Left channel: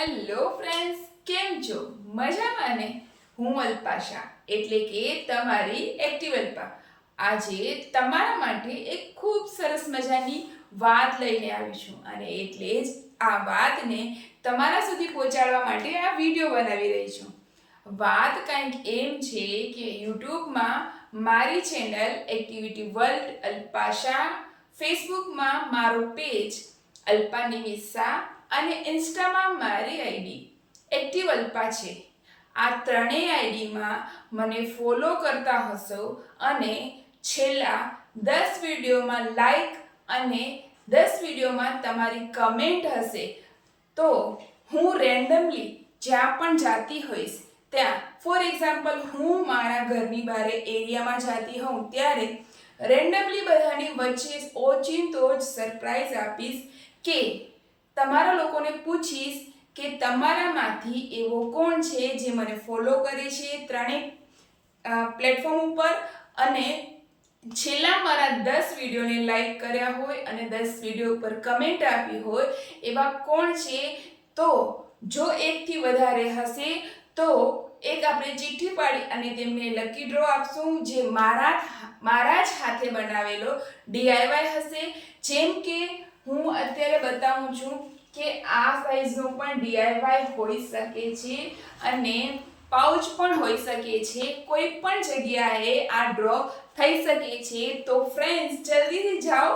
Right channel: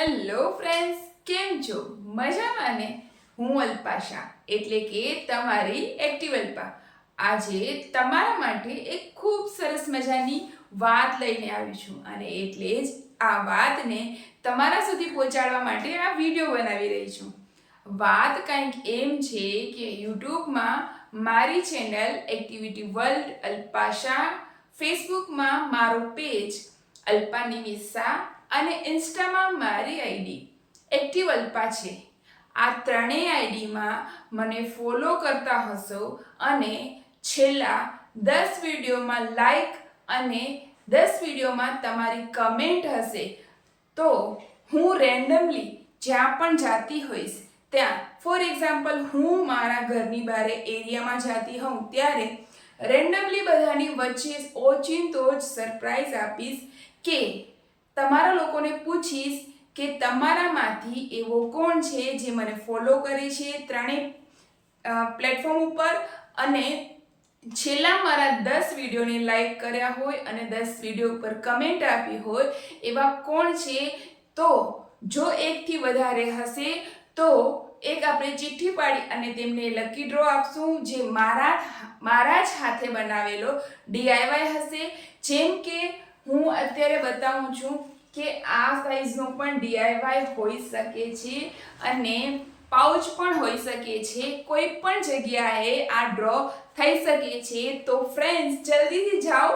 Hello friends, કેમ છો? મજામાં ને? હું અલ્પાશા એટલે કે તમારી એક્ટિવ અલ્પા આજે તમારા માટે એક ખૂબ સરસ મજાની વાત લઈને આવી છું અને એટલે જ આ વાતને તમારા સુધી પહોંચાડવા માટે આ વિડીયો બનાવી રહી છું. વાત કંઈક એમ છે કે યુટ્યુબમાં મારી ચેનલ એક્ટિવિટી વર્લ્ડ અલ્પાશા, ફેસબુકમાં મારો પેજ અલ્પાની મિસ્સા અને ઇન્સ્ટામાં મારી આઈડી એક્ટિવ અલ્પા છે. આ ત્રણેય આઈડીમાં મને ફોલો કરતા હશો અને છેલ્લા 10 વિડીયોમાં લાઈક અને 10 વિડીયોમાં તમારી કમેન્ટ હશે તો હું રેન્ડમલી જ્યાં પણ જાતી હોઈશ ત્યાં, ફોર એક્ઝામ્પલ હું મારા ઘરની બહાર એરિયામાં જાતી હોઉં ત્યારે રેન્ડમલી બધાની વચ્ચે ઓચિંતો જ સરપ્રાઈઝ આપીશ કે તમારા લોકોને પૂછીશ કે તમારામાંથી એવો કોણ છે જે મને ફોલો કરે છે ત્રણેય પ્લેટફોર્મ ઉપર અને છેલ્લા મારા 10 વિડીયોને લાઈક કર્યા હોય અને 10 વિડીયો ઉપર કમેન્ટ આપી હોય એવા કોણ છે. તો જો એકથી વધારે હશે તો એક આપણે ચિઠ્ઠી પાડી અને તેમને લકી ડ્રો આપશું જે મારા જ હાથે બનાવેલો DIY હશે. જેમ કે હું અત્યારે બતાવું છું કે આ સાઈઝનો પણ DIY હોઈ શકે છે અને પાઉચ પણ હોઈ શકે છે. કોઈ પણ જગ્યાએ આ ડ્રો થઈ શકે છે. તો ફ્રેન્ડ્સ, જલ્દીથી જાઓ,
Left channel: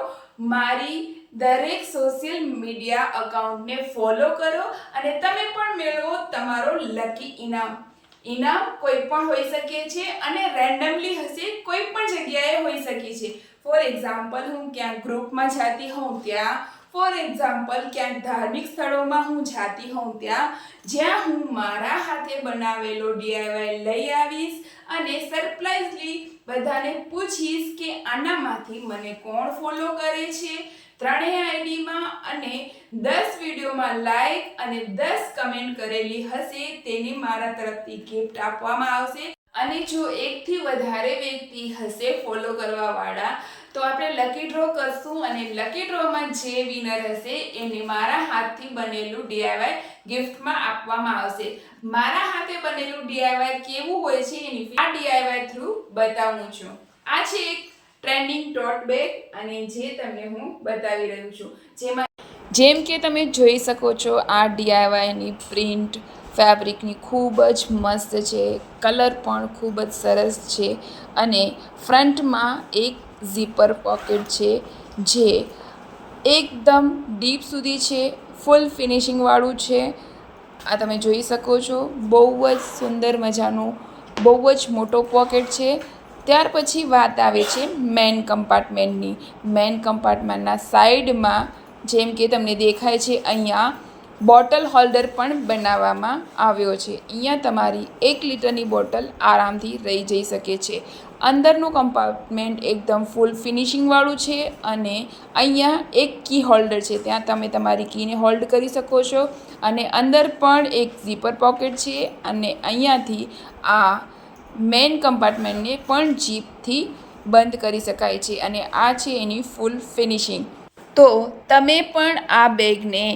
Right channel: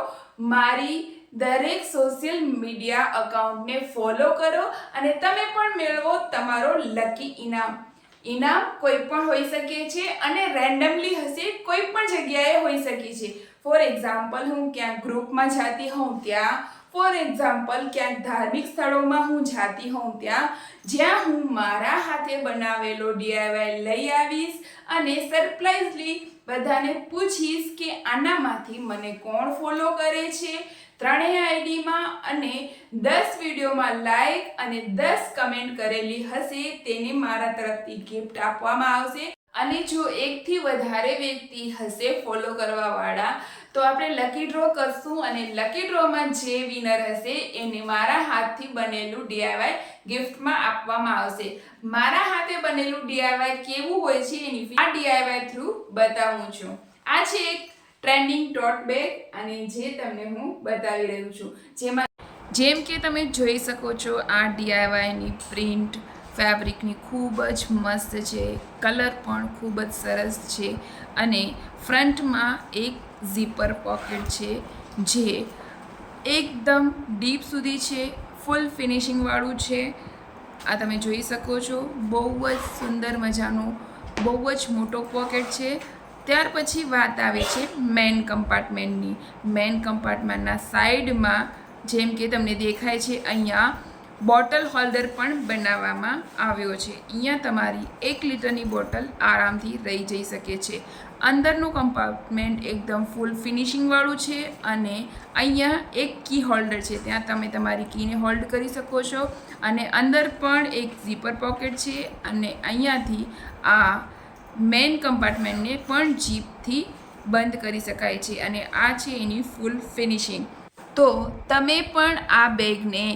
મારી દરેક સોશિયલ મીડિયા અકાઉન્ટને ફોલો કરો અને તમે પણ મેળવો તમારો લકી ઇનામ. ઇનામ કોઈ પણ હોઈ શકે છે અને રેન્ડમલી હશે, કોઈ પણ જગ્યાએ હોઈ શકે છે. ફોર એક્ઝામ્પલ હું ક્યાંક ગ્રુપમાં જાતી હોઉં ત્યાં, ફોર એક્ઝામ્પલ ક્યાંક ધાર્મિક સ્થળોમાં હું જાતી હોઉં ત્યાં, જ્યાં હું મારા હાથે બનાવેલો DIY લઈ આવીશ અને સરપ્રાઈઝલી બધાને પૂછીશ કે આનામાંથી મને કોણ ફોલો કરે છે ત્રણેય આઈડીમાં અને 10 વિડીયોમાં લાઈક અને 10 કમેન્ટ કરેલી હશે તેને મારા તરફથી ગિફ્ટ આપવામાં આવશે. અને જો એકથી વધારે વ્યક્તિ હશે ફોલો કરવાવાળા તો આપણે લકી ડ્રો કરશું અને લકી ડ્રોમાં જે વિનર હશે એને મારા હાથથી બનેલું DIY ગિફ્ટમાં આપવામાં આવશે. મારા હાથે બનેલું DIY કેવું હોય છે એની આ DIY થ્રુ બતાવું છું. આ છે એક ટ્રેન્ડિંગ ટોટ બેગ અને જે તમને હું બતાવી રહ્યું છું. જેમ કે તમે જોઈ શકો છો આ DIYની પ્રિન્ટ ફેબ્રિકની ખૂબ જ મસ્ત છે, કલર પણ ખૂબ જ સરસ છે અને ફ્રન્ટમાં એક ઝીપર પોકેટ છે જે એકદમ ડીપ સુધી છે, ફૂલ ફિનિશિંગવાળું છે. આ તમે જોઈ શકો છો, બહુ જ સુંદર મજાનું, બહુ જ મોટો પોકેટ છે. ત્યાર પછી વાત આવે છે મેન કમ્પાર્ટમેન્ટની. મેન કમ્પાર્ટમેન્ટના સાઈડમાં જેમ કે તમને દેખાય છે અહીંયા બોટલ હોલ્ડર પણ બનાવવામાં આવ્યો છે. અહીંયા તમારી 1 લિટરની બોટલ આરામથી રહી જઈ શકે છે. અંદરનું કમ્પાર્ટમેન્ટ એકદમ ફૂલ ફિનિશિંગવાળું છે અને અહીંયા એક કી હોલ્ડર છે, ત્યાં તમે તમારી કીને હોલ્ડ કરી શકો છો અને અંદર પણ એક ઝીપર પોકેટ છે અને અહીંયાથી આ મેઇન કમ્પાર્ટમેન્ટને પણ જીપથી બંધ કરી શકાય છે અને આ છે એની ફૂલ ફિનિશિંગ. તો તમે પણ આ બેગને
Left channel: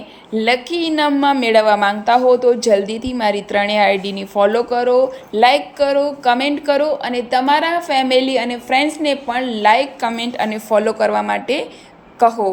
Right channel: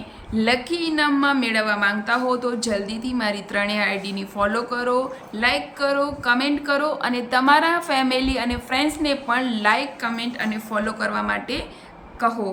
લકી ઇનામમાં મેળવવા માંગતા હો તો જલ્દીથી મારી ત્રણેય આઈડીની ફોલો કરો, લાઈક કરો, કમેન્ટ કરો અને તમારા ફેમિલી અને ફ્રેન્ડ્સને પણ લાઈક, કમેન્ટ અને ફોલો કરવા માટે કહો.